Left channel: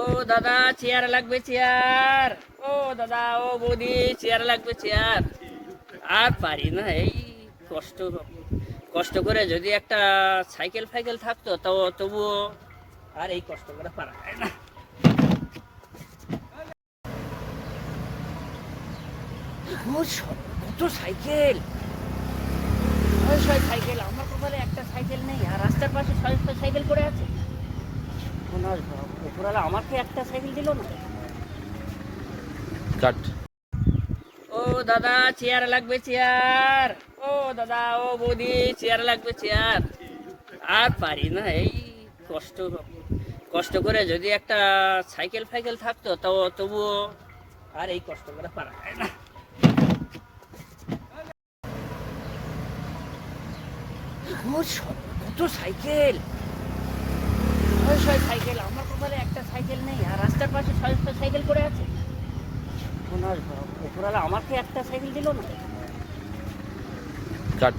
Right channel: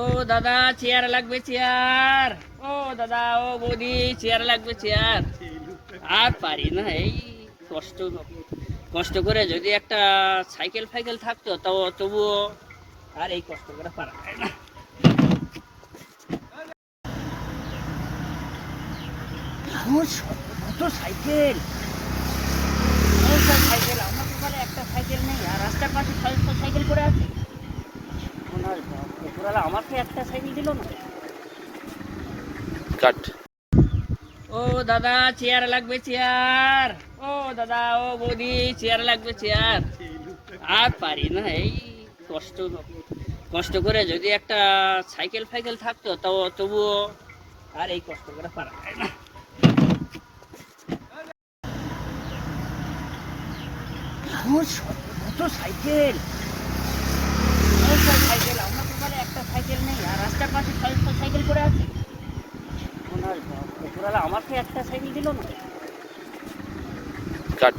ও দাদা চেয়ার লাগবে চেয়ার। ও দাদা ও বৌদি চেয়ার লাগবে চেয়ার। আর পারি না এই কষ্ট কষ্ট করে যদি একটা সাইকেল ফাইকেল থাকতো তাও তবুও আর এই কষ্ট করে পারা যায় না। আমার কত সাইকেল সাইকেল আমার তো বলে একটা সাইকেল নেই আর রাস্তার পাশে সাইকেল করে আছে। আমাকে একটা সাইকেল দিল না। কাট। ও দাদা চেয়ার লাগবে চেয়ার। ও দাদা ও বৌদি চেয়ার লাগবে চেয়ার। আর পারি না এই কষ্ট কষ্ট করে যদি একটা সাইকেল ফাইকেল থাকতো তাও তবুও আর এই কষ্ট করে পারা যায় না। আমার কত সাইকেল সাইকেল আমার তো বলে একটা সাইকেল নেই আর রাস্তার পাশে সাইকেল করে আছে। আমাকে একটা সাইকেল দিল না। কাট।